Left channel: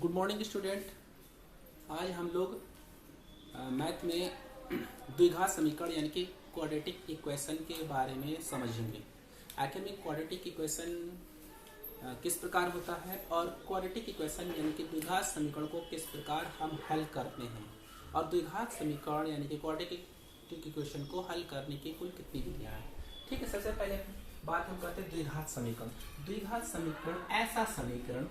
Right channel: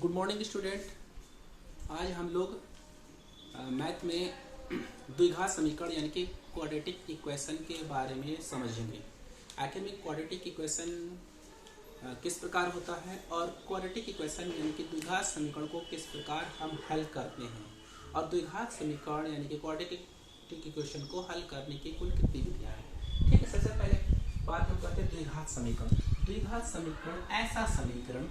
Good morning student. आज हम लोग मैथ में द्विघात समीकरण यानी कि क्वाड्रेटिक इक्वेशन के बारे में समझेंगे। आखिर में क्वाड्रेटिक इक्वेशन किस प्रकार होता है और क्वाड्रेटिक इक्वेशन यानी कि द्विघात समीकरण को किस प्रकार हम हल करते हैं और द्विघात समीकरण यानी कि क्वाड्रेटिक इक्वेशन को हल करने की कुल कितनी विधियां हैं। ठीक है, सबसे पहले बात हम करते हैं द्विघात समीकरण। द्विघात समीकरण ऐसा समीकरण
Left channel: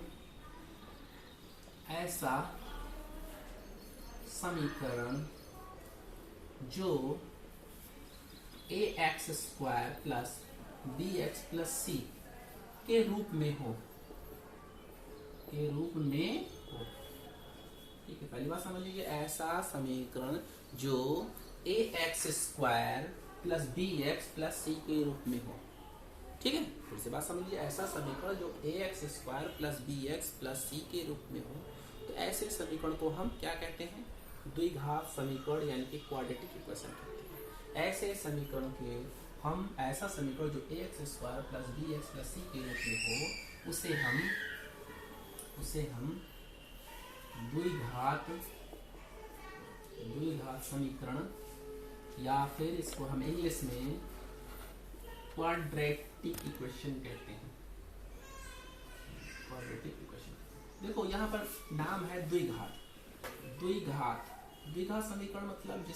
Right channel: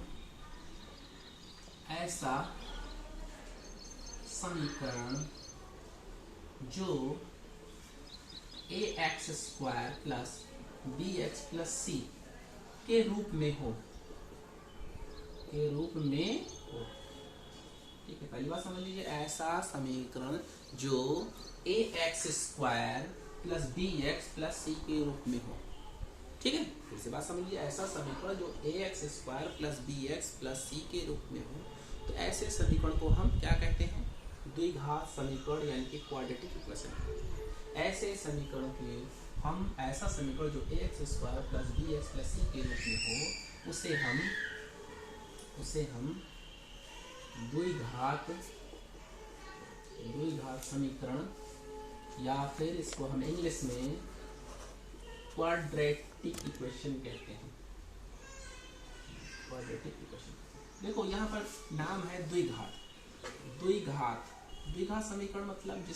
जो ax square plus bx plus c के रूप में हो। ठीक है, पहली बात समझ लीजिए, ऐसा समीकरण जो ax square plus bx plus c के रूप में हो। ठीक है, फिर से बात समझ लीजिए, ऐसा समीकरण जो ax square plus bx plus c के रूप में हो, तो ऐसे समीकरण को हम क्या कहते हैं? द्विघात समीकरण यानी कि क्वाड्रेटिक इक्वेशन कहते हैं। ऐसे समीकरण के हम ऐसा समीकरण जो ax square plus bx plus c के रूप में हो, उसे हम द्विघात समीकरण या फिर इसको हम इंग्लिश में क्वाड्रेटिक इक्वेशन कहते हैं। क्वाड्रेटिक इक्वेशन, देखो यहाँ पर नाम है द्विघात समीकरण, मतलब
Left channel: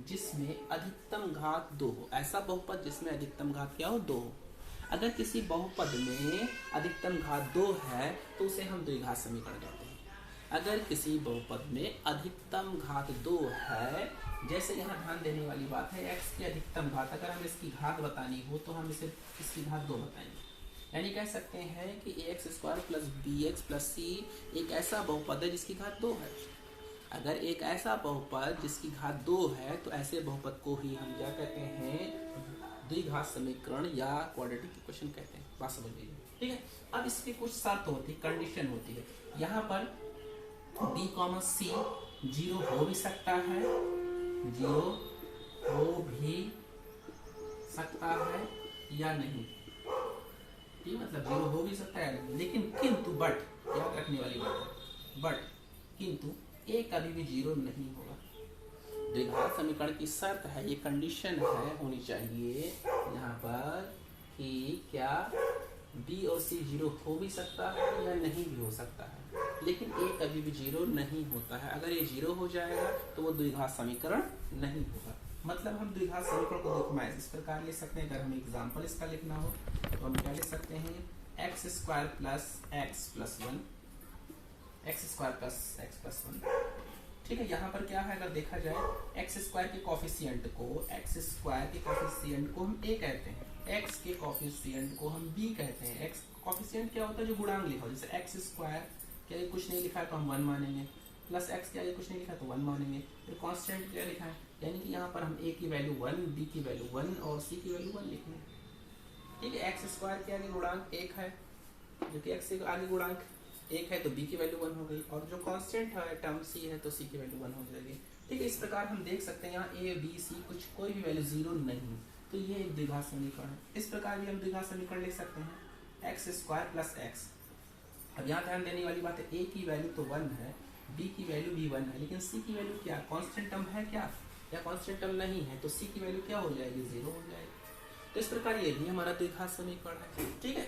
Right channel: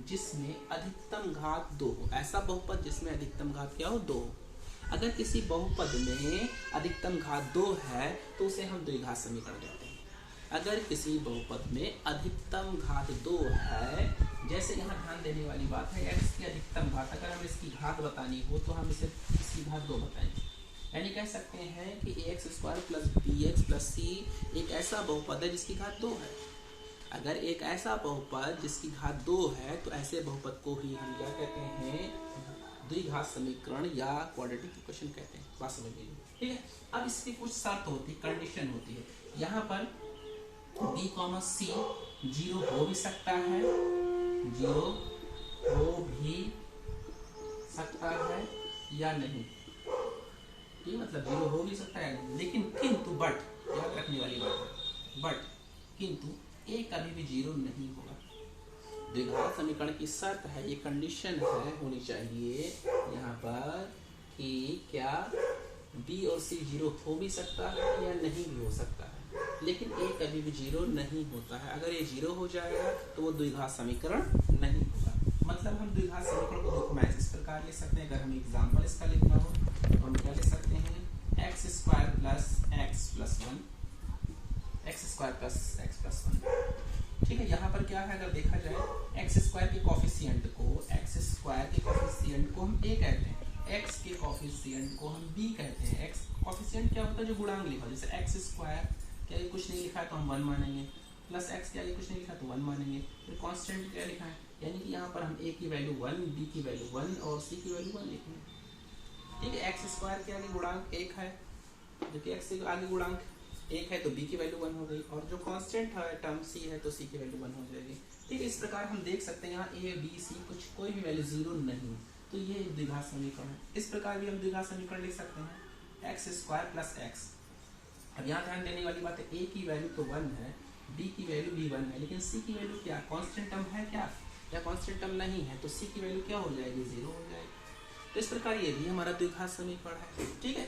जिसमें अधिकतम घात 2 हो। ऐसा बहुपद जिसमें अधिकतम घात क्या हो? 2 हो। अगर किसी बहुपद में अधिकतम घात 2 है तो उसे हम द्विघात समीकरण कहते हैं। अगर किसी बहुपद में अधिकतम घात 2 है, जैसे यहाँ ध्यान देने वाली बात है, x की अधिकतम घात, अगर हमें इसकी घात बतानी हो तो हम इसकी घात 2 बताएंगे। यानी कह सकते हैं कि ax square plus bx plus c एक ऐसा बहुपद है जिसकी घात 2 है। अगर एक ऐसा बहुपद जिसकी घात 2 है तो ऐसे बहुपद को ही हम क्या कहते हैं? द्विघात समीकरण या क्वाड्रेटिक इक्वेशन कहते हैं। बात समझ लीजिए। ठीक है, अब इसकी कुछ शर्त होती है, कंडीशन होती है। यहाँ पर b, c 0 हो भी सकता है, 0 हो भी सकता है या नहीं। ठीक, मतलब 0 हो भी सकता है, लेकिन किंतु बट याद रखने वाली बात है, बट किंतु a कभी भी 0 नहीं होगा। द्विघात समीकरण की शर्त है, ये कंडीशन है, होनी चाहिए यहाँ पर कि क्या b और c 0 हो भी सकता है या नहीं भी हो सकता है, लेकिन a कभी भी 0 नहीं होता है। अगर ये 0 हो जाएगा तो वो द्विघात समीकरण नहीं होगा। मतलब हम द्विघात समीकरण को देखो मैं इस प्रकार ले सकते हैं। अगर हमें एग्जाम्पल इसका लिखना हो तो हम क्या ले सकते हैं? X square plus x plus 1, x square plus x plus 1। ठीक है, यहाँ पर क्या है, अगर देखा जाए एक्स स्क्वायर के कोफिशिएंट को हम a कहते हैं, एक्स के कोफिशिएंट को हम b कहते हैं। एक्स कोफिशिएंट क्या होता है? जो गुणांक लिखा हो, जैसे एक्स स्क्वायर क्या ये कुछ नहीं लिखा है तो हम 1 मानेंगे, प्लस एक्स क्या ये कुछ नहीं लिखा तो 1 मानेंगे। फिर कांस्टेंट क्या लिखा है, यानी कि यहाँ पर हम a की वैल्यू 1, b की वैल्यू 1 और c की वैल्यू 1 लिखेंगे। ठीक है, एक्स स्क्वायर के आगे गुणांक 1 है, जबकि एक्स से आगे गुणांक 1 है तो b की वैल्यू 1 हो गई, और जो कांस्टेंट है टर्म c है तो c की वैल्यू 1 हो जाएगी। ठीक है, इस प्रकार हम देख सकते हैं यहाँ a b c कुछ कोई भी वैल्यू 0 नहीं, तो ये एक द्विघात समीकरण है। इस प्रकार भी हम द्विघात समीकरण लिख सकते हैं, एक्स स्क्वायर प्लस एक्स। अब यहाँ ध्यान देने वाली बात है, a की वैल्यू तो 1 है, b की वैल्यू भी 1 है, लेकिन c की वैल्यू क्या? कांस्टेंट टर्म है क्या या कांस्टेंट टर्म नहीं है, तो c की वैल्यू क्या हो जाएगी? 0 हो जाएगी। तो इस प्रकार ये भी हमारा द्विघात समीकरण है। ठीक है,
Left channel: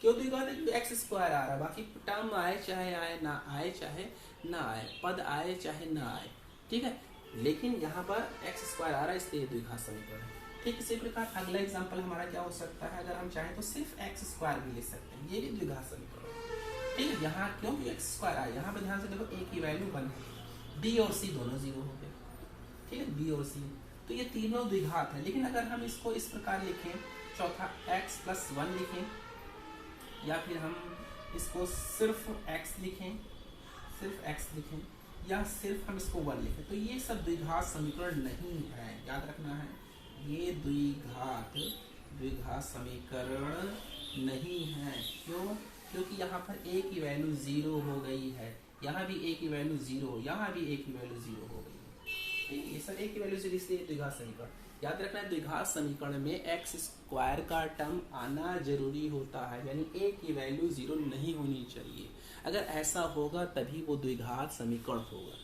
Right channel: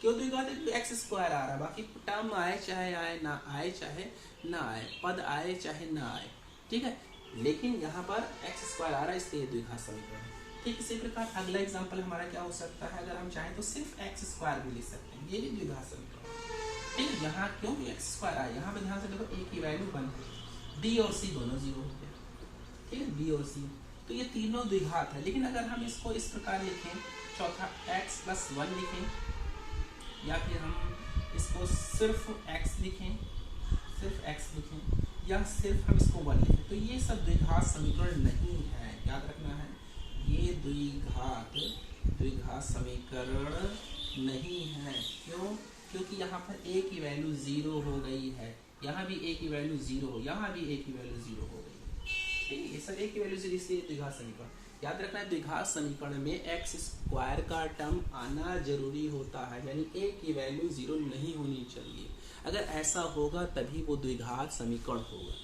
क्यों द्विघात है? एक्स स्क्वायर आ रहा है, बाकी टर्म आए चाहे आए ना आए, चाहे ना आए, पद आए चाहे ना आए। ठीक है, लेकिन यहाँ पर एक्स स्क्वायर आ रहा है, इसलिए द्विघात समीकरण है। ठीक, इसी प्रकार अगला एग्जांपल हमारा क्या हो सकता है? अगर हम चाहें तो सिर्फ एक्स स्क्वायर भी लिख सकते हैं, ये भी द्विघात समीकरण है। ठीक है, यहाँ क्यों भी एक्स स्क्वायर आया, यहाँ पे ध्यान से देखो, a की वैल्यू 1 है, b और c दोनों 0 हो गए। ठीक है, b और c तो ये तीनों द्विघात है। लेकिन अगर हम इसको इस प्रकार लिखें, चौथा x प्लस 1 लिखें, या फिर हम इसको सिर्फ x लिखें, या सिर्फ हम इसको 1 लिखें, तो ये सब द्विघात समीकरण नहीं है। याद रखना है, ये द्विघात समीकरण नहीं है। क्यों? क्योंकि यहाँ पर a की वैल्यू 0 हो गई है, यहाँ भी a की वैल्यू 0, यहाँ भी a की वैल्यू 0 हो गई है। ठीक है, ये सब a की वैल्यू 0, इसलिए द्विघात समीकरण। याद रखना है, द्विघात समीकरण में एक्स स्क्वायर का टर्म आना जरूरी होता है, यानी a की वैल्यू 0 नहीं होनी चाहिए। अगर ऐसा होगा तभी वो द्विघात समीकरण होगा।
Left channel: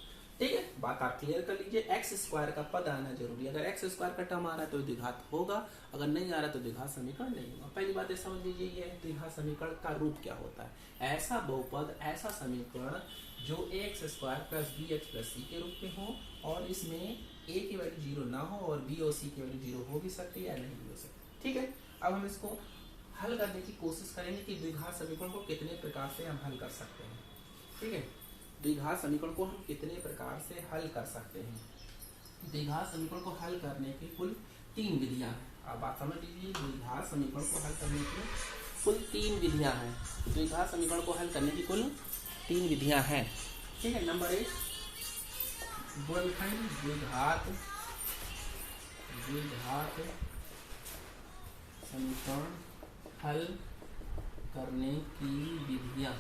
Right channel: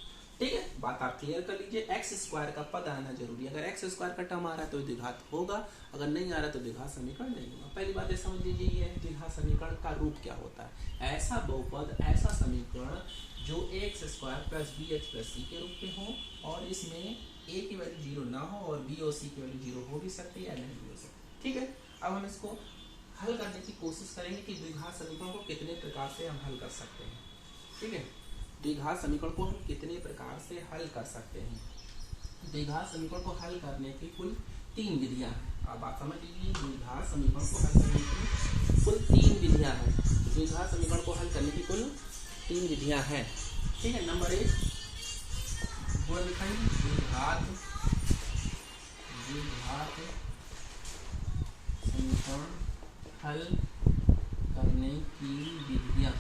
ठीक है, बात आप क्लियर कर लीजिए। एक्स स्क्वायर का पद आना जरूरी है। अगर एक्स स्क्वायर का टर्म आ रहा है तो द्विघात होगा, अगर नहीं आ रहा तो द्विघात समीकरण नहीं होगा। पहली बात ये समझ लीजिए, ये द्विघात समीकरण का रूप क्या होता है। ऐसा बहुपद, ऐसा समीकरण जो x square plus b h plus c के रूप में हो और इसमें ए की वैल्यू 0 ना हो और बी और सी की वैल्यू 0 हो भी सकती है या नहीं भी हो सकती। ठीक है, अब हम इसको हल करने की कोशिश करेंगे कि द्विघात समीकरण को कितने प्रकार से हम हल कर सकते हैं। ठीक है, द्विघात समीकरण को हम कितने प्रकार से हल कर सकते हैं। द्विघात समीकरण को हल करने की कुल 3 विधियां हैं। अब आप समझ लीजिए, द्विघात समीकरण को हल करने की कुल 3 विधियां हैं। द्विघात समीकरण को हल करने की कुल 3 विधियां हैं। ठीक है, नंबर 1 गुणनखंड द्विघात समीकरण हल करने की विधियां।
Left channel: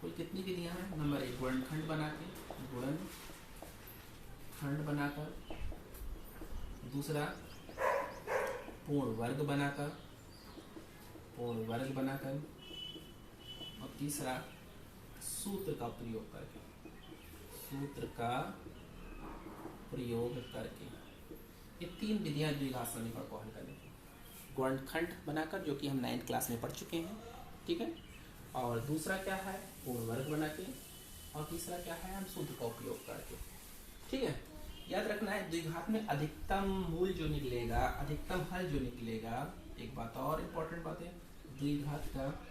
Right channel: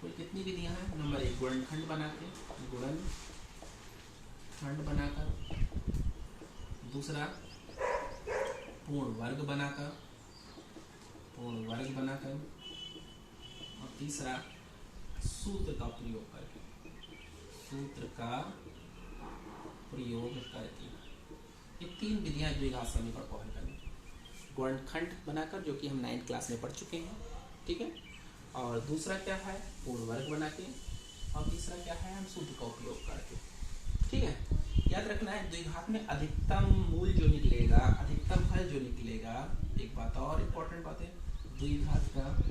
कुल कितनी विधियां हैं। नंबर 1 गुणनखंड बनाकर, दूसरा पूर्ण वर्ग बनाकर, और तीसरा सूत्र का प्रयोग करके। ये 3 विधियां द्विघात समीकरण को हल करने की। गुणनखंड बनाकर, जो कि हम 9th क्लास में पढ़ चुके हैं। ठीक है, और दूसरा क्या है, पूर्ण वर्ग बना के, और तीसरा क्या है, हम सूत्र का उपयोग करके। ठीक है, याद रखना है द्विघात में अधिकतम मूल जो निकलेगा, अधिकतम हल जो निकलेगा। एक बात और इम्पोर्टेंट बात है, द्विघात का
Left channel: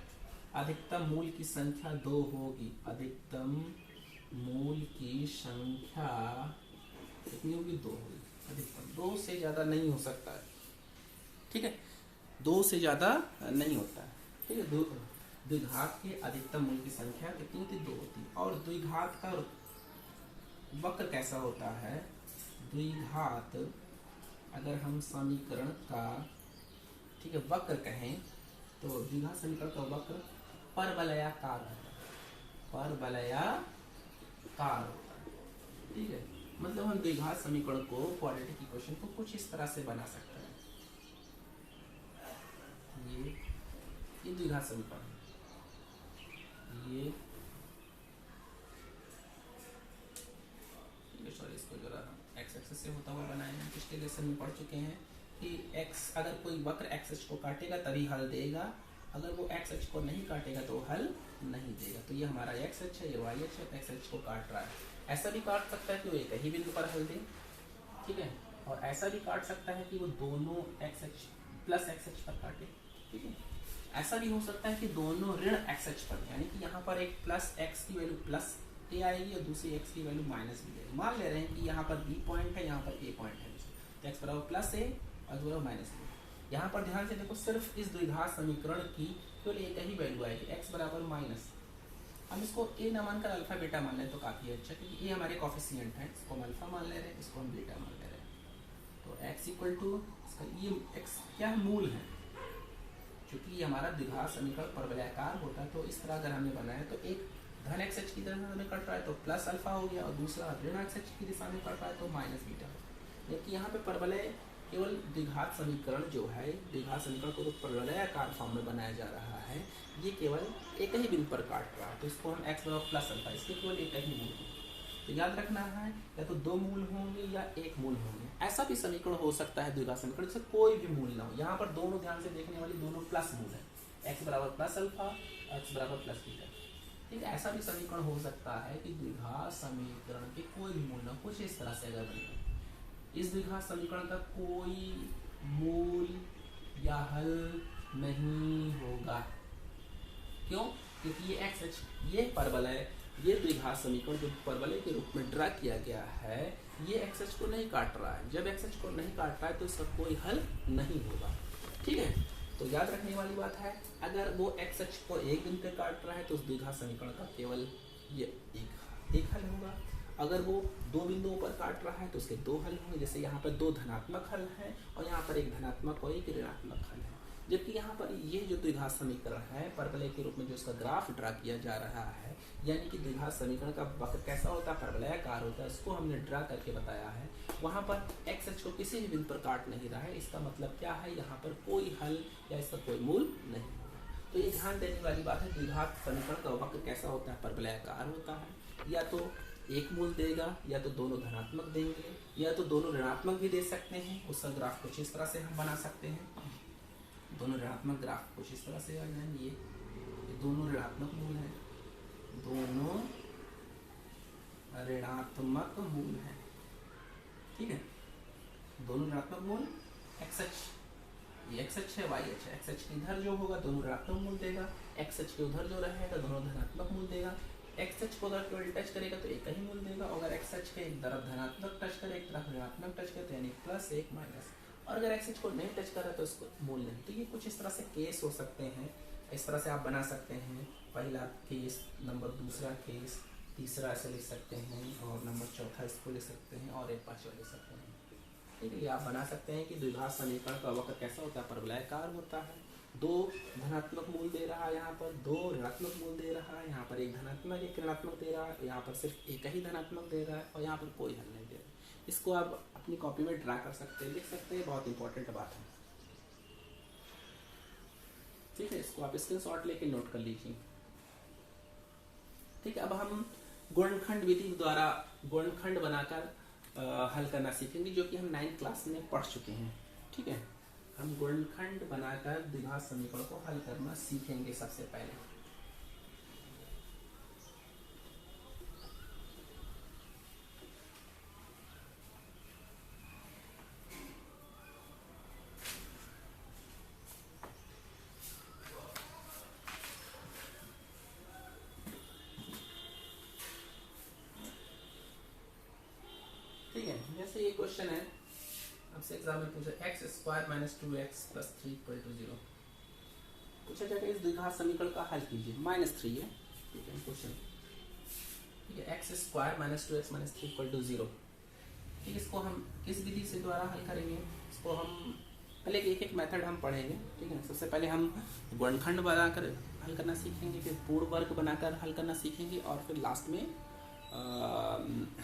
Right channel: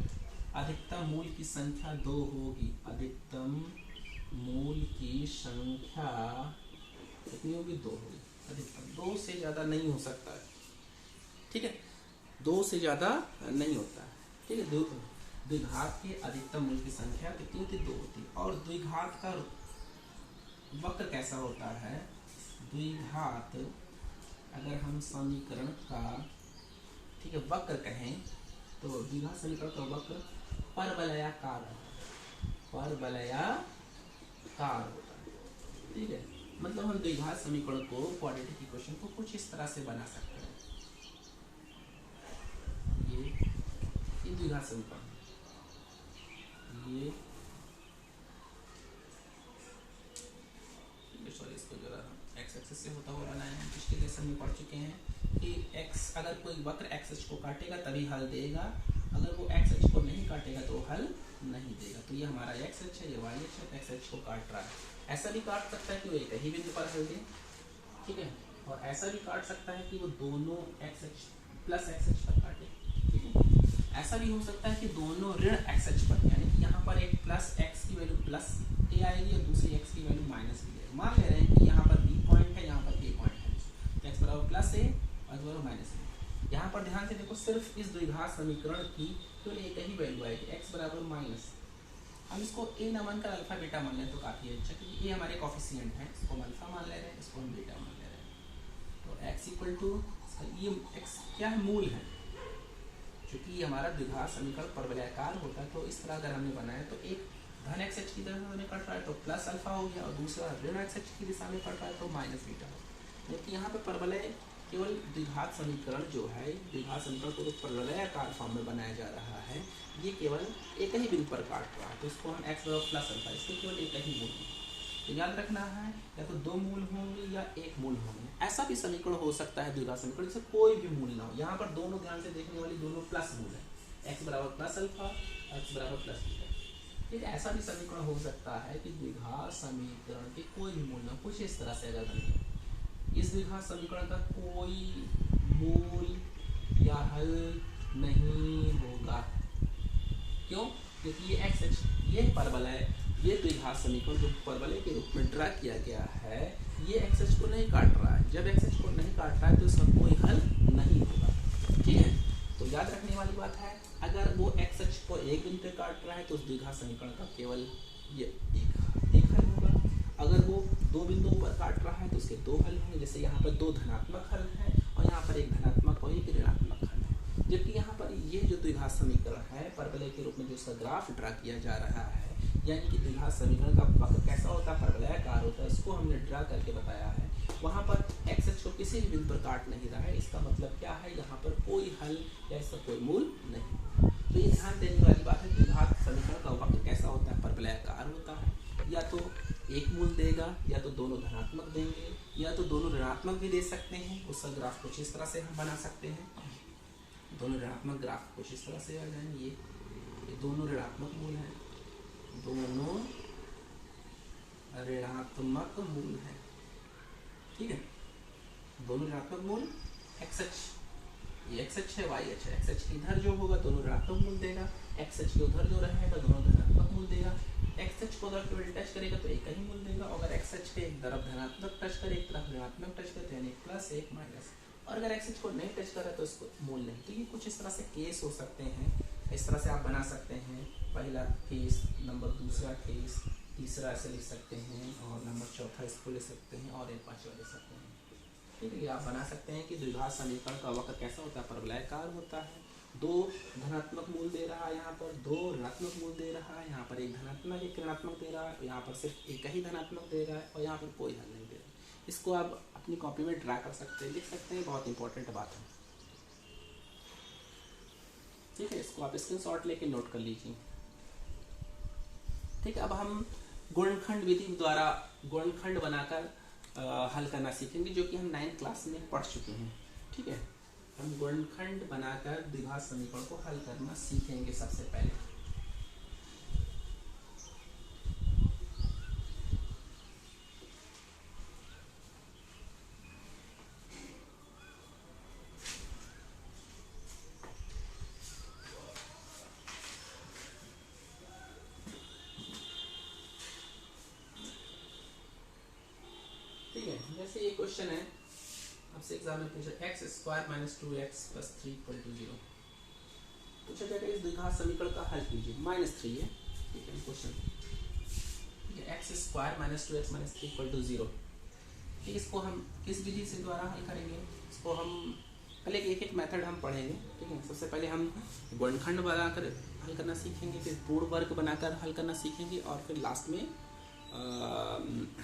अधिकतम मूल की संख्या 2 होगी। अधिकतम मूल की संख्या कितनी होगी, 2 होगी। अधिकतम 2 से ज्यादा नहीं हो सकता है। ठीक है, 2 से ज्यादा नहीं होता है। ठीक है, द्विघात के अधिकतम मूल की संख्या कितनी होती, 2 होती। और द्विघात का वक्र कैसा होता है। द्विघात अगर हम समीकरण का, ठीक है, वक्र कहें तो द्विघात समीकरण का वक्र परवलयाकार होता है। ठीक है, मतलब हम द्विघात समीकरण को, क्वाड्रेटिक इक्वेशन को कुछ इस तरह से बना सकते हैं। ये द्विघात समीकरण, ये सॉरी, इसको जरा हम एक्स एक्सिस से होता हुआ बनाए हैं। पिछले लेसन में पढ़ चुके हैं कि एक्स, अगर कोई वक्र एक्स एक्स को काटेगा तभी हल देगा, अगर वो एक्स एक्स को नहीं काटेगा तो हल नहीं देगा। तो ये हमारा एक्स एक्स है, ये वाई एक्स है, एक्स एक्स को काट रहा है। ऐसा भी काट सकता है कि वो एक ही बिंदु पर हल दे। ठीक है, और ऐसा भी काट सकता है कि वो दोनों x x plus x x पर काटे। ठीक है, ऐसा भी हो सकता है कि दोनों ऋण एक्स एक्स पर, यानी कि यहाँ पर एक प्लस एक्स की वैल्यू प्लस ए आएगी और दूसरी एक्स की वैल्यू माइनस बी आएगी। मान ले रहे हैं कि यहाँ पर बी पॉइंट है, यहाँ पर ए पॉइंट है, तो एक्स बराबर प्लस ए और एक्स बराबर माइनस बी। यहाँ पर ध्यान से देखो, सिर्फ इस द्विघात समीकरण की केवल एक ही वैल्यू आएगी, एक्स बराबर माइनस। हम इसको ए न मानकर अल्फा बीटा मान लें तो काफी अच्छा, क्योंकि ये हमारे कॉफिशिएंट है। इसको हम अल्फा मान ले रहे हैं, इसको हम बीटा मान ले रहे हैं। तो एक्स इक्वल टू, ये एक्स क्या है, मूल है। क्योंकि ये हमारा द्विघात समीकरण परवलयाकार होता है, तो इस तरह अगर हमने बनाया तो एक धन एक्स एच की दिशा में कट रहा है तो प्लस अल्फा हो गया, और दूसरा ऋण एक्स एच की दिशा में कट रहा है तो माइनस बीटा हो गया। जबकि यहाँ पे परवलय केवल द्विघात समीकरण जो है, द्विघात समीकरण को तो परवलयाकार फॉर्म में बनाया जा रहा है, ये केवल एक ही बिंदु पर काट रहा है, तो इसको हम एक्स बराबर प्लस अल्फा, इसके केवल एक ही मूल होंगे। तो याद रखना है, या तो 2 मूल होंगे या 1 मूल होंगे। ऐसा भी समीकरण हो सकता है द्विघात समीकरण जिससे कोई भी मूल ना हो। यहाँ पर दोनों, ध्यान से देखने वाली, दोनों प्लस मूल है, एक्स बराबर प्लस अल्फा, एक्स बराबर प्लस बीटा। ठीक है, ऐसा भी समीकरण हो सकता है कि द्विघात समीकरण के कोई भी मूल ना, कुछ इस तरह से अगर बने, इस द्विघात समीकरण का कोई मूल या हल नहीं होगा। क्यों? क्योंकि ये एक्स एच, ये परवलय, ये द्विघात समीकरण जो परवलय के रूप में ड्रा किया गया है, ये एक्स एच को नहीं काट रहा है। जब एक्स एच को नहीं काट रहा है तो इसका कोई हल नहीं होगा। ठीक है, तो याद रखने वाली बात है, अगर वो एक्स एच को एक बिंदु पे काट रहा है तो उस द्विघात समीकरण का केवल ये एक हल होगा। अगर वो 2 बिंदुओं पर काट रहा है तो उसके 2 हल होंगे। जैसे यहाँ पर 2 धनात्मक हल हैं और यहाँ पर एक धनात्मक और एक ऋणात्मक हल है। जबकि यहाँ पर ये जो द्विघात समीकरण है, परवलय के रूप में जो उसका ग्राफ ड्रा किया जा रहा है, यानी कि द्विघात समीकरण का वक्र कैसा होता है, परवलयाकार होता है, उसको हमने ड्रा करके बताया है। वहाँ पर एक्स एच को किसी भी बिंदु पर काट नहीं रहा है। इसका मतलब क्या है, यहाँ पर कोई हल या इसका कोई मूल नहीं। तो ये ध्यान देने वाली बात है, द्विघात समीकरण का वक्र कैसा होता है, परवलयाकार होता है, या तो एक मूल देगा, या तो दोनों धनात्मक देंगे, या तो दोनों ऋणात्मक भी दे सकते हैं। उसका ग्राफ कुछ इस तरह से हम बना सकते हैं, दोनों ऋणात्मक ग्राफ कुछ इस तरह से आ जाएंगे। ये दोनों ऋणात्मक मूल हैं, दोनों ऋणात्मक मूल हैं, ठीक है, दोनों ऋणात्मक मूल एक्स अक्ष, ये एक्स अक्ष है, वाई अक्ष है, एक्स अक्ष के इधर जो होगा दोनों ऋणात्मक मूल देगा, एक्स अक्ष के उधर जो रहेगा दोनों धनात्मक मूल देगा। एक्स अक्ष को अगर केवल टच करेगा तो एक ही मूल देगा, और अगर एक्स अक्ष पे एक तरफ धनात्मक टच करे, एक तरफ ऋणात्मक टच करे, यानी प्लस एक माइनस, और अगर एक्स अक्ष को नहीं टच कर रहा तो इसको मूल नहीं। तो ये कुछ इस तरह से केस हो सकते हैं, इस तरह से आप बना सकते हैं। पहला केस, नंबर दूसरा केस, तीसरा ऐसे लिख सकते हैं, और नंबर चौथा इसको ले सकते हैं, और एक पांचवा ले सकते हैं। ठीक है, आप बना सकते हैं कि द्विघात समीकरण का वक्र कैसा होता है, परवलयाकार होता है। दो धनात्मक मूल दे रहा है, यहाँ पर दो ऋणात्मक मूल दे रहा है, यहाँ पर एक धनात्मक एक ऋणात्मक दे रहा है, यहाँ पर सिर्फ एक ही धनात्मक दे रहा है, और यहाँ पर कोई हल नहीं दे रहा है। इसको आप अपनी कॉपी में ड्रा कर सकते हैं, लिख सकते हैं, बहुत इंपॉर्टेंट बात है। ठीक है, इसको आप स्क्रीनशॉट लेके नोट कर लीजिए। ठीक है, अब हम गुणनखंड विधि द्वारा गुणनखंड बनाकर हल करना सीखेंगे, जो कि हम 9th क्लास में पढ़ चुके हैं। ठीक है, हम गुणनखंड बनाकर द्विघात समीकरण को हल करना सीखेंगे सबसे पहले। ठीक है, जैसे ये क्वेश्चन है आपसे एग्जाम में पूछा, x square minus 2x plus 3 equal to 0 पूछा जाएगा, इस द्विघात समीकरण का हल कीजिए। -3 है, ठीक है क्वेश्चन, ठीक है, x square minus 2x minus 3 equal to 0। ठीक, इसको हम किस विधि से द्वारा हल करेंगे, इसको हम पहले एक एक मेथड हम पढ़ेंगे। ठीक है, सबसे पहले हम गुणनखंड बनाकर हल करना सीखेंगे, फिर पूर्ण वर्ग बनाकर हल करना सीखेंगे, और फिर लास्ट में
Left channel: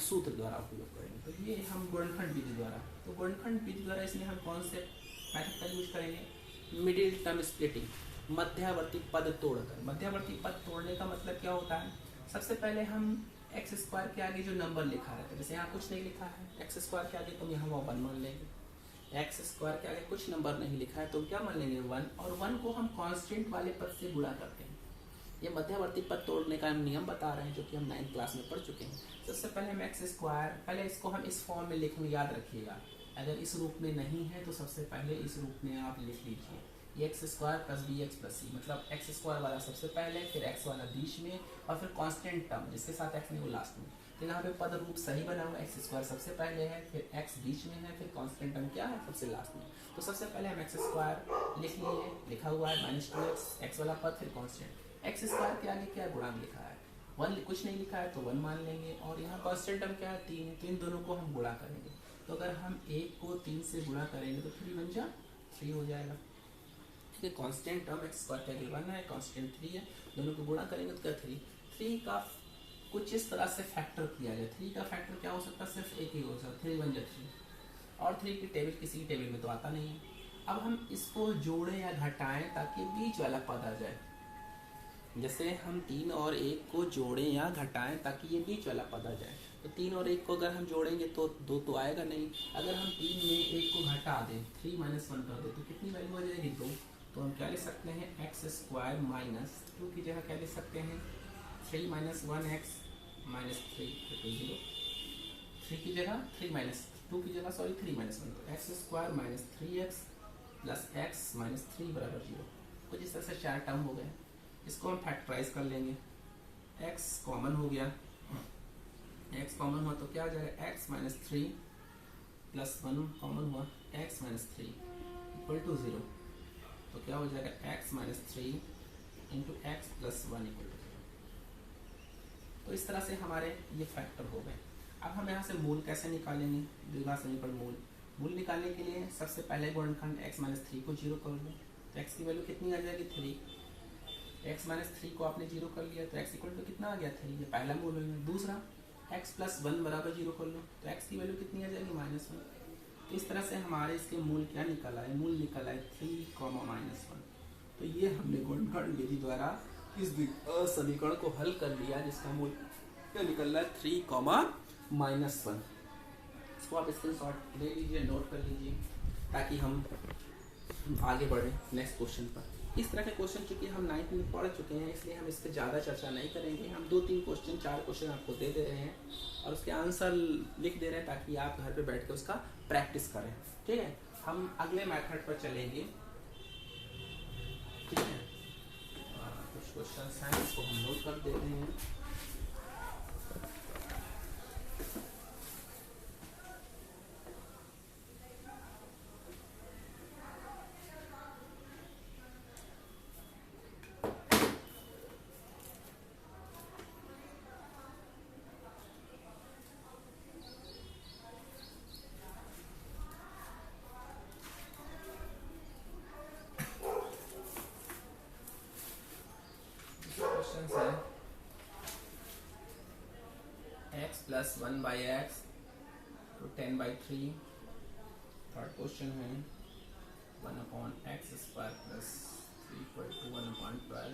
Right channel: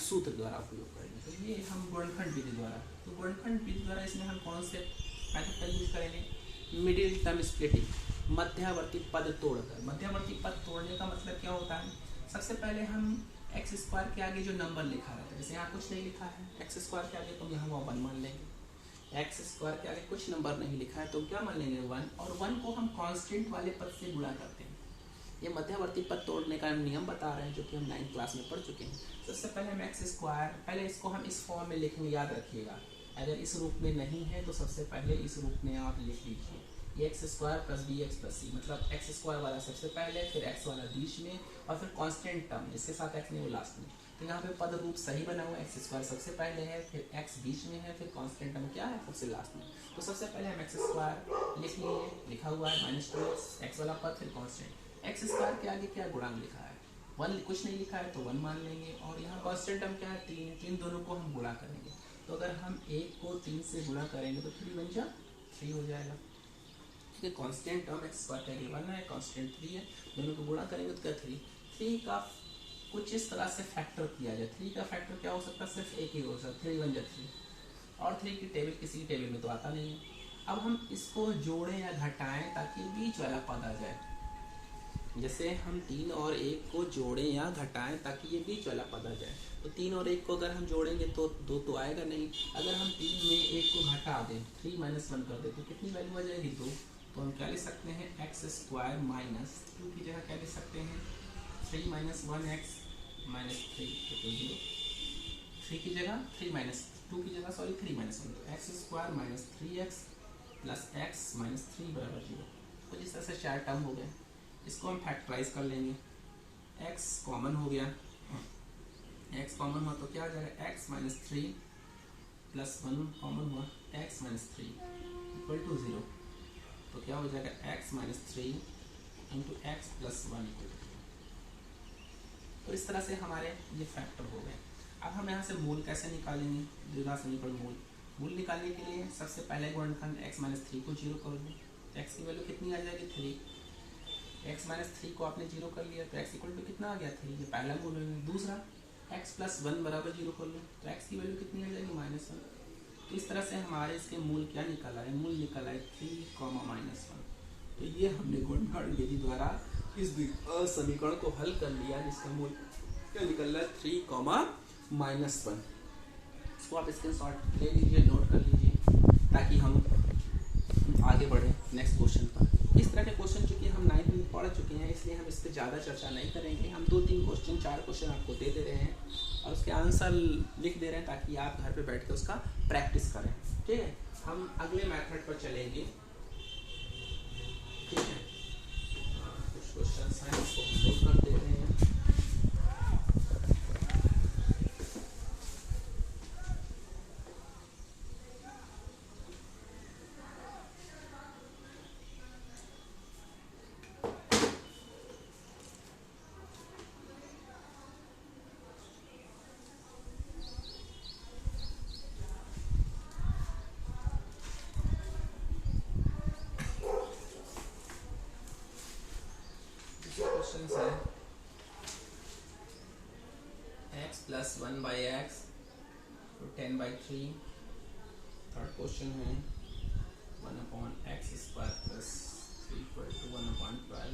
सूत्र द्वारा उपयोग करेंगे। तो ये हम गुणनखंड विधि द्वारा, तो गुणनखंड विधि द्वारा इसमें हम कौन से मेथड का यूज करेंगे, मिडिल टर्म स्प्लिटिंग, मध्यवर्ती पद तोड़कर। मध्यवर्ती पद तोड़ने का मतलब क्या होता है, सबसे पहले हम एक्स स्क्वायर के आगे जो नंबर लिखा रहता है, जैसे यहाँ कुछ नहीं लिखा है एक्स स्क्वायर के आगे, तो हम यहाँ 1 मान लेंगे। एक्स स्क्वायर के आगे कुछ नंबर नहीं लिखा है तो क्या मान लेंगे 1, और 1 को हम कांस्टेंट वाले पद से गुणा करते हैं। ये मध्यवर्ती पद तोड़ने का नियम बता रहे हैं, जो कि हम 9th क्लास में पढ़ चुके हैं। सबसे पहले हम एक्स स्क्वायर, पहले इसको हम इस फॉर्म में लिखेंगे, याद रखिएगा। अगर इस रूप में नहीं है तो सबसे पहले इस रूप में आप लिख लीजिए, ये x square plus b x plus c, मतलब एक्स स्क्वायर वाला सबसे पहले, फिर एक्स वाला बीच में, और फिर कांस्टेंट टर्म जिसके साथ एक्स नहीं वो लास्ट में। तो यहाँ पे पद रूप सही बना हुआ, एक्स स्क्वायर सबसे पहले है, फिर एक्स बीच में है, फिर कांस्टेंट टर्म क्या है सबसे लास्ट में। तो सबसे पहले हम एक्स स्क्वायर लिख लिए, लिखा हुआ है -2x, एक्स वाला पद, फिर कांस्टेंट। एक्स स्क्वायर के आगे क्या गुणांक लिखा है, 1 कुछ नहीं लिखा है तो 1 मान लेंगे, और यहाँ कांस्टेंट टर्म क्या है 3 है, तो इन दोनों को हम गुणा करेंगे। तो अगर हम 1 को 3 से गुणा करेंगे तो 3 बन जा 3 हो जाएगा। ठीक है, कांस्टेंट टर्म एक्स स्क्वायर के आगे 1 है, कांस्टेंट 3 है, दोनों को गुणा करेंगे तो क्या 3 का कुछ इस तरह से फैक्टर किया जाए। 3 का फैक्टर क्या हो सकता है, सिर्फ एक ही हो सकता है, 3 बन जा 3, और 3 की टेबल किसी टेबल में तो आता नहीं है। अब हम इसको जोड़ें या घटाएं ताकि बीच वाला पद आ जाए, जैसे हम 3 और 1 को जोड़ें या घटाएं ताकि ये बीच वाला पद आ जाए। तो 3 और 1 को अगर हम जोड़ेंगे तो 2 तो आएगा नहीं, अगर हम 3 में 1 को घटा दें, 3 - 1 कर दें, तो कितनी वैल्यू आ जाएगी 2। तो हम क्या ले सकते हैं, एक्स स्क्वायर माइनस 2 की जगह क्या ले सकते हैं, 3 - 1x माइनस 3 तो 0, 3 की जगह 3 - 2 की जगह 3 - 1, तो x square minus 3x plus x minus 3 बराबर 0। कुछ इस तरह से 4 टर्म हो गए, इसको हम फैक्टराइज कर लेंगे। x कॉमन हो गया, x कॉमन हुआ तो क्या आ जाएगा, x माइनस 3 प्लस 1 कॉमन हुआ, x माइनस 3 इक्वल टू 0, तो क्या हो जाएगा x minus 3 into x plus 1 equal to 0। तो इस तरह से हमारे ये फैक्टर हो गए। अब हम यहाँ से मूल कैसे निकालेंगे, द्विघात समीकरण मूल निकालने के लिए सबसे पहले गुणनखंड x माइनस 3 को 0 कर दो, तो x की वैल्यू कितनी आ जाएगी 3। x माइनस 3 को आपने 0 कर लिया तो x इक्वल टू कितना आ गया 3, ये पहला मूल है। दूसरा x प्लस 1 बराबर 0 कर लो, तो x की वैल्यू कितनी आ जाएगी -1। तो इस तरह से हमारे इसके मूल क्या निकला है, मूल निकला है 3, -1। तो ये हमने गुणनखंड विधि द्वारा इस समीकरण को हल कर लिया, जिसका मूल क्या निकल रहा है 3, -1। इसको आप स्क्रीनशॉट ले लीजिए, नोट कर लीजिए, ताकि हम आगे बढ़े नेक्स्ट क्वेश्चन पर। इस तरह के क्वेश्चन चूंकि हम 9th में पढ़ चुके हैं, इसलिए हम इस पर ज़्यादा चर्चा नहीं करेंगे। हम 2-3 क्वेश्चन 4 क्वेश्चन आपको दे रहे हैं और उसके आंसर लिख दे रहे हैं, ताकि आप घर पे बैठ के उसका प्रैक्टिस करें। ठीक है, हम अगले मेथड पर चलेंगे। ठीक है, कुछ क्वेश्चन हैं, इसको हम नोट कर देते हैं। क्वेश्चन है x + 1/x तो 10/3। थर्ड क्वेश्चन है 1/x² + 3 = 1/12।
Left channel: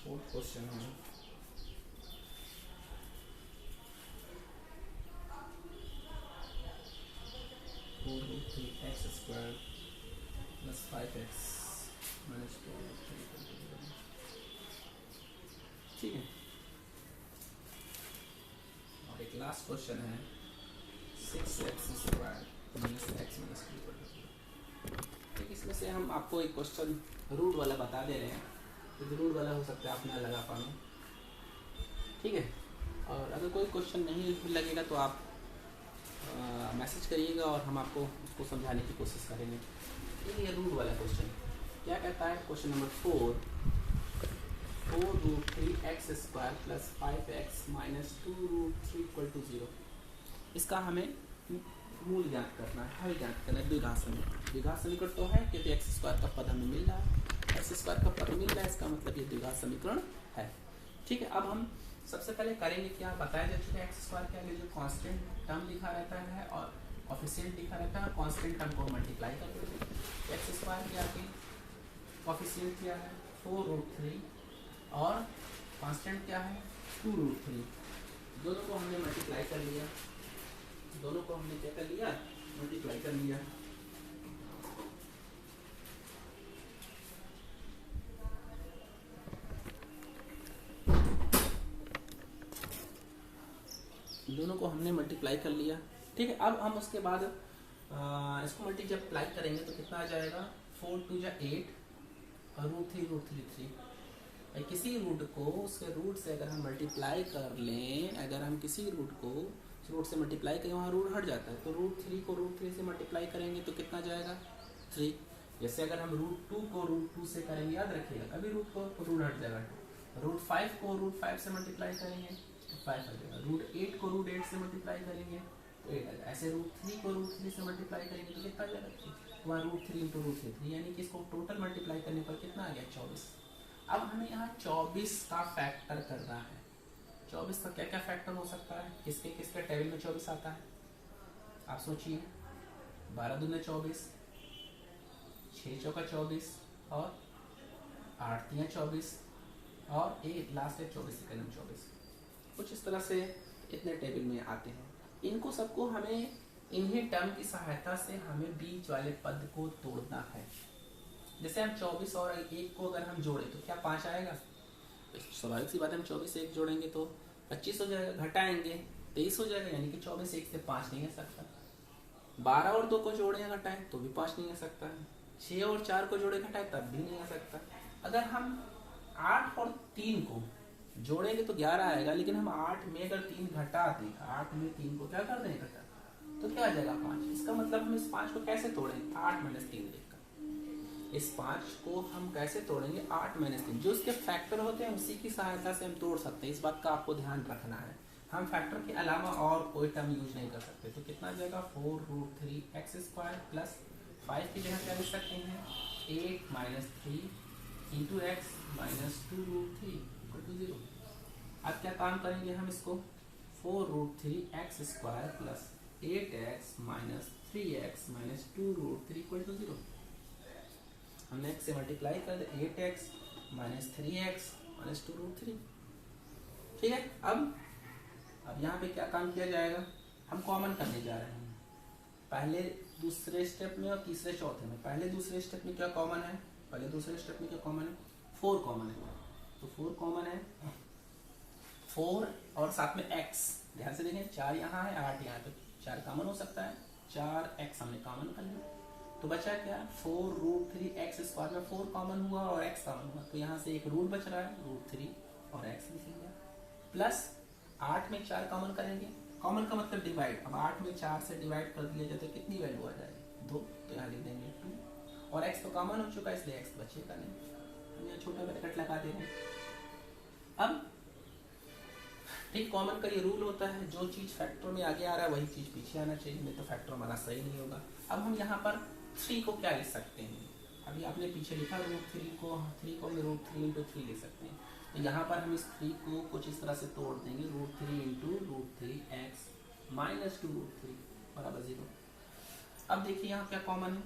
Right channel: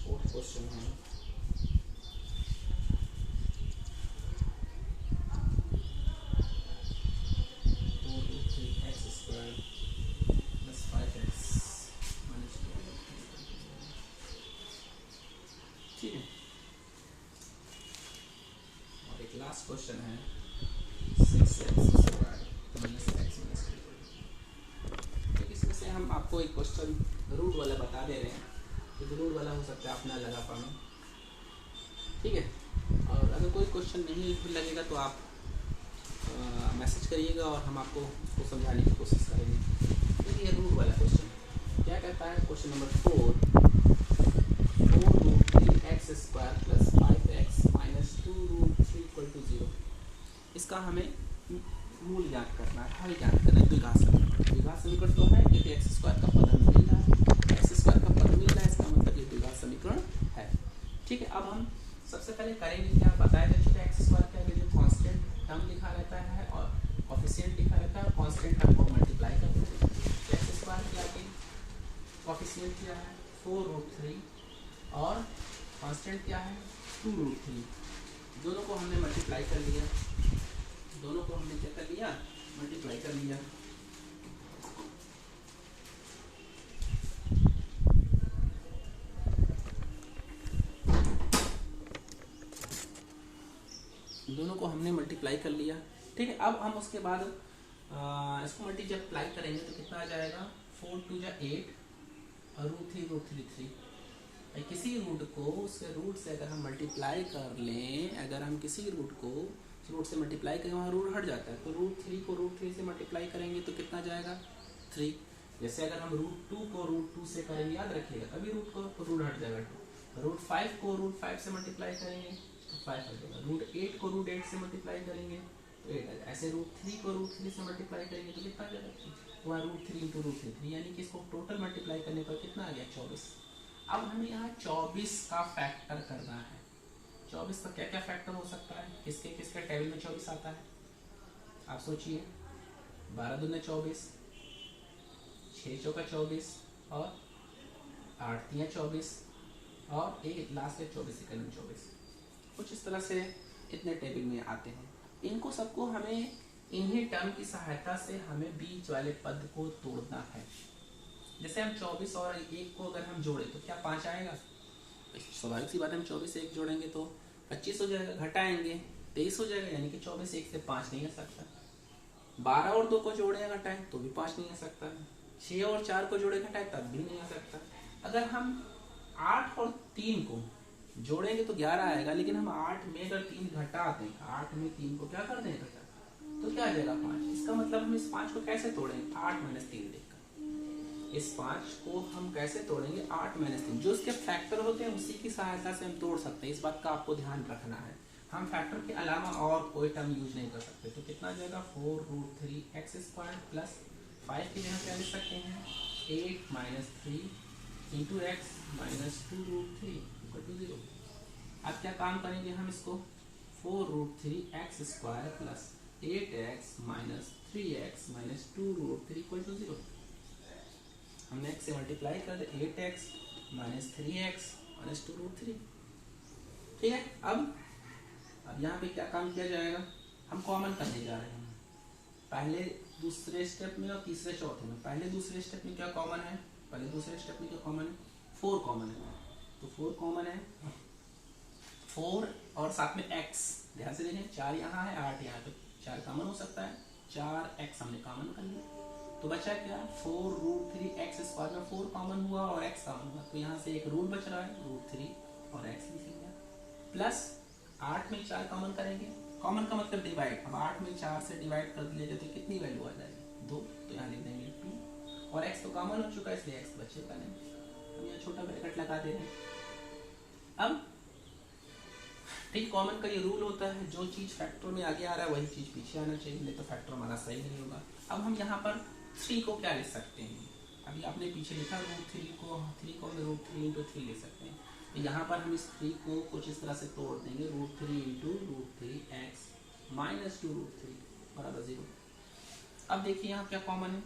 फोर्थ क्वेश्चन है 4√3x² + 5x - 2। ठीक है, और एक लास्ट क्वेश्चन है 6x² - x - 2। इसमें से हम आपको एक क्वेश्चन रूट वाला बता दे रहे हैं, तो रूट वाला हो सकता है आप ना लगा पाना। ठीक है, और अगर कोई क्वेश्चन नहीं लगेगा तो आप मैसेज करिएगा और हम आपको उसको समझाने की कोशिश करेंगे। तो ये रूट वाला क्वेश्चन क्या कहता है? Question number 4√3x² + 5x - 2√3 = 0। इसका हमें मूल ज्ञात करना है, हल ज्ञात करना है। द्विघात समीकरण, द्विघात समीकरण तो है क्योंकि x² का पद हमें मिल रहा है, x² का पद मिल रहा है, इसका मतलब ये द्विघात समीकरण है। ठीक है, अब हम सबसे पहले करेंगे क्या, बताया जा चुका है x² के आगे जो कांस्टेंट टर्म लिखा रहता है और कोफिशिएंट लिखा रहता है, और कांस्टेंट टर्म को मल्टीप्लाई कर देते हैं। x² के आगे कोफिशिएंट क्या है 4√3 और कांस्टेंट क्या है 2√3। दोनों को हमने मल्टीप्लाई कर लिया, दोनों को हमने क्या कर लिया, मल्टीप्लाई कर लिया। दोनों को हमने मल्टीप्लाई कर लिया। ठीक है, अब हम उसके बाद इसको मल्टीप्लाई करेंगे तो कितना आ जाएगा 4×2 = 8 और √3 3। किसी रूट को उसके रूट से अगर हम मल्टीप्लाई कर लें, अगर हम किसी रूट को रूट से मल्टीप्लाई करें, वहाँ रूट हट जाता है, तो √3 को √3 से मल्टीप्लाई करेंगे तो कितना जाएगा 3। जैसे अगर हम √2 को √2 से करेंगे, याद रखिएगा कभी रूट को तो रूट हट जाएगा 2। √5 को √5 से मल्टीप्लाई करेंगे तो 5 आ जाएगा। √8 को √8 से मल्टीप्लाई करेंगे तो 8 आ जाएगा। ऐसे √3 को √3 से मल्टीप्लाई करेंगे तो कितना आ जाएगा 3। वहाँ √3 × √3 यानी कि इसको टोटल मल्टीप्लाई करने पर कितना आ गया 24। अब हमें यहाँ 24 का फैक्टर करना है। 24 का क्या क्या फैक्टर हो सकता है, किसके किसके टेबल में 24 आता है, आप सोचिए। 12 दूने 24, 6 चौका 24 और 8 तिया 24 और एक लास्ट है 24 कलम 24। कुछ इस तरह से इतने टेबल में आते हैं। इनको सबको हमें इन्हीं टर्म की सहायता से हमें बीच वाले पद को तोड़ना है। जैसे हम 24 और 1 को अगर हम जोड़े तो क्या 5 आएगा, स्वाभाविक सी बात है। हम 24 से 1 जोड़ेंगे तो 25 हो जाएगा, घटाएंगे 23 हो जाएगा, यानी कि 24 1 से 5 नहीं आ सकता। 12 और 2 को जोड़े घटाएं तो भी 5 नहीं आ सकता। 6 और 4 को जोड़े घटाएं तब भी नहीं आ सकता। अगर हम 8 और 3 को जोड़ेंगे तो 11 आएगा, लेकिन हम 8 में अगर 3 घटा दें, 8 में 3 को क्या कर दें घटा, तो क्या आ जाएगा 5। इसका मतलब हम इस 5 को कैसे तोड़ेंगे 8 - 3 लिखकर। इस 5 को हम कैसे तोड़ेंगे 8 - 3, जो इसके फैक्टर होते हैं उसी की सहायता से हम तोड़ सकते हैं। इस बात का आपको ध्यान रखना है, हम फैक्टर के अलावा और कोई टर्म यूज नहीं कर सकते। तो कितना जाएगा 4√3x² प्लस 5 की जगह क्या लिख सकते हैं 8 - 3 × x - 2√3 = 0। अब क्या काम करेंगे हम इसको 4√3x² प्लस 8x - 3x - 2√3 = 0। हमने x से मल्टीप्लाई कर दे 8x माइनस 3x माइनस 2√3। ठीक है, अब यहाँ पे क्या काम किया जाएगा, हम कॉमन करने जा रहे हैं पहले दूसरे स्टेप में और तीसरे चौथे में। पहले दूसरे स्टेप में क्या कॉमन है, पहले दूसरे स्टेप में क्या कॉमन है, 4 कॉमन है, तो 4 कॉमन है, 4 और साथ में x, ध्यान से देखें 4 यहाँ है 8 यहाँ, तो 4 कॉमन हो सकता है, 4x हमने कॉमन कर लिया, तो बचा क्या 4√3x² में 4 कॉमन हुआ और x कॉमन हुआ, तो यहाँ से एक रूट बच रहा है √3 और x लिखेंगे, प्लस 8 में 4 कॉमन करेंगे, कॉमन का मतलब डिवाइड, अब 8 में 4 से डिवाइड कर दिया जाए तो कितनी वैल्यू आ जाएगी 2, तो यहाँ लिख देंगे 2 और x तो कॉमन हो चुका है इसलिए x बचेगा नहीं, हम यहाँ छोटा ब्रैकेट लगा दे रहे हैं। अब ठीक, कॉमन का ये रूल होता है, जो चीज़ फैक्टर में आगे आ रहा है वही चीज़ पीछे आना चाहिए, नहीं तो फैक्टर हमारा सही नहीं होगा। अब हम यहाँ पर 3 को क्या लिख सकते हैं, अभी आपने पीछे लिखा √3 को, 3 को हम √3 × 3 लिख सकते हैं, तो यहाँ पर हम इस 3 को कुछ इस तरह से तोड़ देंगे, √3 × √3x माइनस 2√3 बराबर 0। अब देखिए यहाँ क्या कॉमन है,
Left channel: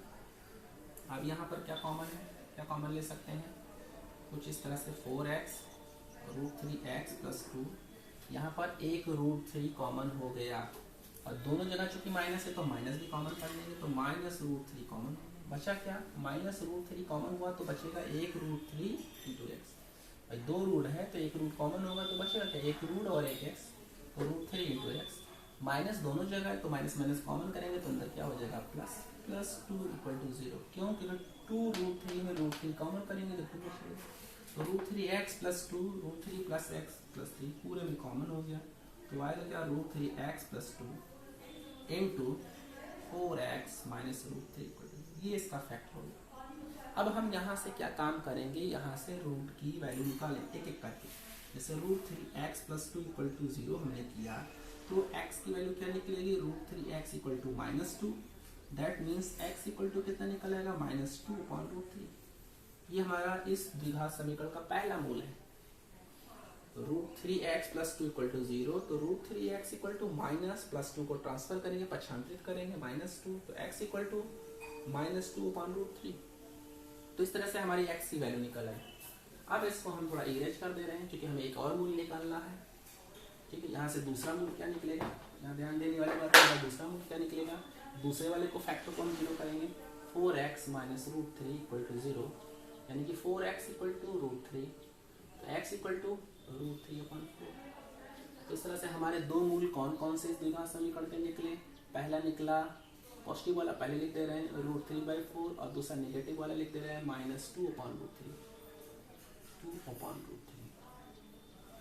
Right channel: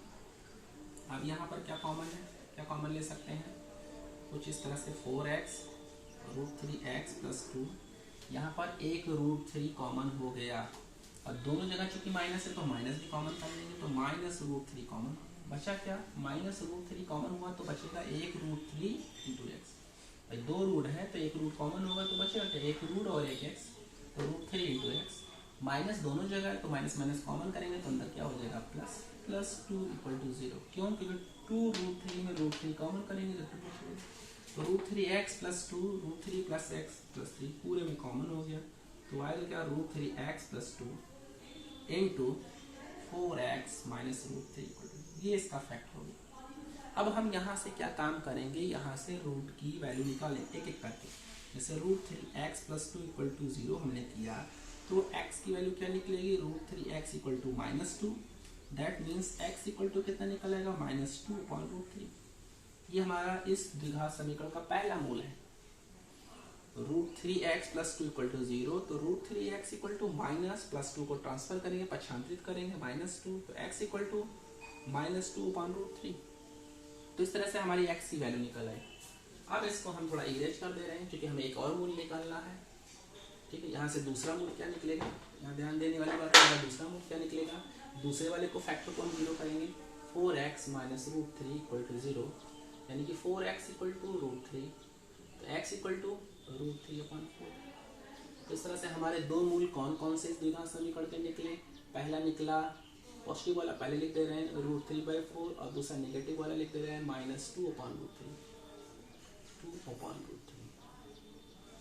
अब यहाँ पर क्या कॉमन है, क्या कॉमन ले सकते हैं, कुछ इस तरह से 4x √3x + 2, यहाँ पर एक √3 कॉमन हो गया और दोनों जगह चूंकि माइनस है तो माइनस भी कॉमन कर लेंगे, तो माइनस √3 कॉमन, बचा क्या, माइनस √3 कॉमन हुआ तो बचेगा एक √3 × x, भाई 2 रूट है तो एक रूट कॉमन होगा तो बचेगा क्या, एक रूट और एक x, तो √3 × x, माइनस दोनों जगह है तो माइनस माइनस कॉमन करेंगे तो अंदर क्या हो जाएगा प्लस, +2 = 0, क्यों, क्योंकि 2√3 में √3 कॉमन करेंगे तो 2 बचेगा, तो √3x + 2 √3 + x + 3 पूरे में कॉमन हो गया, तो आएगा क्या √3x + 2 × 4x माइनस √3, ये इसका फैक्टर होगा। अब हम यहाँ से क्या काम करेंगे, यहाँ से रूट की वैल्यू निकालेंगे एक एक करके, जैसे √3x + 2 = 0 हमने किया, तो x की वैल्यू क्या निकलेगी, √3x = -2, दैट मीन्स x = कितना निकलेगा, -2/√3, ये हमारा इस द्विघात समीकरण का पहला मूल है। √3x + 2 = 0, तो √3x = -+2 को ट्रांसफर करेंगे, पक्षांतरित करेंगे -2, तो x = -2/√3, तो इस तरह से हमारी x की वैल्यू निकल आई। अब इसको हम थोड़ा इरेज कर दे रहे हैं क्योंकि हमें एक और मूल निकालना है। ठीक है, यहाँ से दूसरा मूल क्या निकलेगा, यहाँ ध्यान देने वाली बात है, दूसरा मूल क्या निकलेगा, दूसरे वाले को फैक्टर को हम 0 करेंगे, 4x - √3 = 0, यानी कि 4x = √3, तो x = √3/4। तो इस तरह से हमारे दो मूल कौन कौन से इस द्विघात समीकरण के निकले, पहला निकला पॉजिटिव वाला पहले लिख दे रहे हैं √3/4 और दूसरा नेगेटिव वाला लिख दे रहे हैं -2/√3, 2/√3।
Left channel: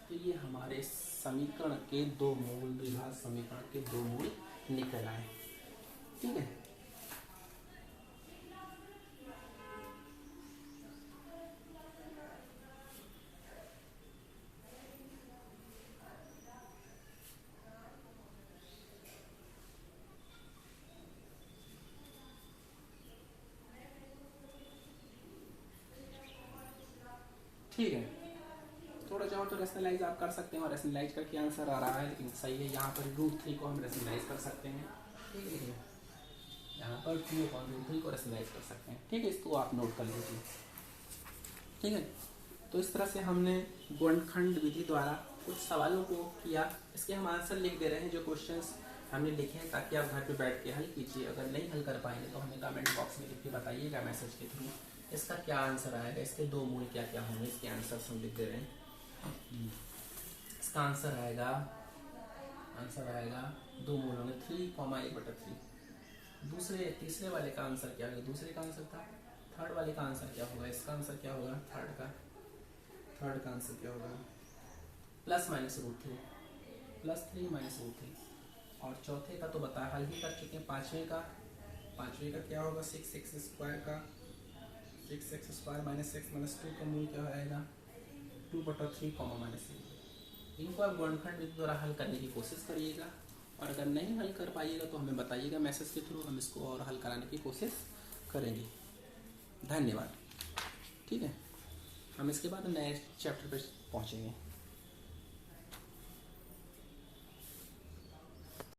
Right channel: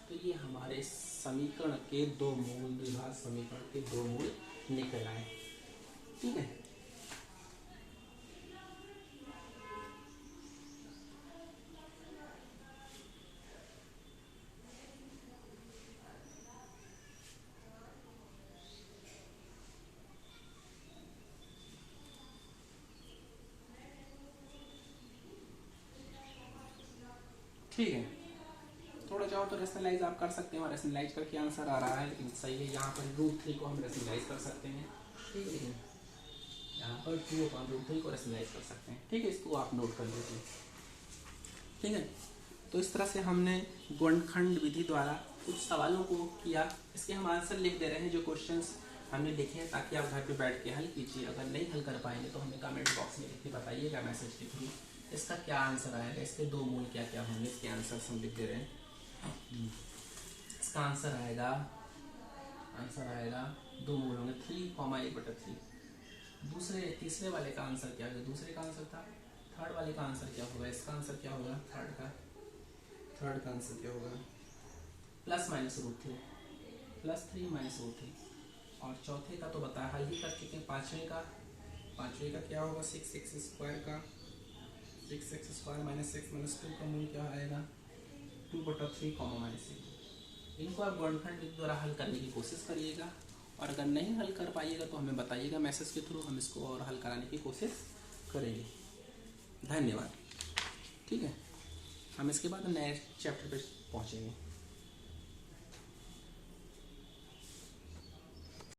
तो ये हमारे समीकरण के दो मूल, द्विघात समीकरण के दो मूल निकल आए। ठीक है, ठीक है, थोड़ा चाहो तो रेशनलाइज आप कर सकते हैं और रेशनलाइज करके आंसर आ रहा है, लेकिन सही है, यहाँ पर √3 को हम रेशनलाइज कर सकते हैं। ठीक है, लेकिन यहाँ पर 2/√3 को रेशनलाइज कर सकते हैं। ठीक है, इसको आप नोट कर लीजिए। ठीक है, तो इस तरह से हमने गुणनखंड विधि द्वारा कुछ सवालों को किया, इसके हम आंसर लिख दे रहे हैं जो क्वेश्चंस हमने लिखे हैं, ताकि आप घर पे बैठ के हल कीजिए। अगर नहीं हल कर पाएंगे तो हमें कमेंट बॉक्स में लिख के बताइएगा मैसेज के थ्रू, इसका क्या आंसर आएगा, इसके दो मूल क्या क्या होंगे, इसके आंसर हम लिख दे रहे हैं। इसका आंसर आएगा 2 मूल होंगे 3,1/3। तीसरे वाले का आंसर क्या होगा, दूसरे का आंसर था, थर्ड वाले का आंसर क्या होगा, इसका आंसर क्या होगा, थर्ड का आंसर क्या होगा, +-√3, +3 -√3, और चौथे का तो बता हल ही कर चुके हैं। पांचवें का क्या होगा, 6x² का 6x² -6 - 2 का मूल क्या आएगा, 2/3, -1। इनको आप गुणनखंड विधि द्वारा हल करने की कोशिश करिएगा, और अगर नहीं हल कर पाइएगा तो हमें बताइएगा मैसेज के थ्रू, हम इसको और हल कराने की कोशिश करेंगे। धन्यवाद। ठीक है, हम इसके बाद नए चैप्टर पे पहुँचेंगे।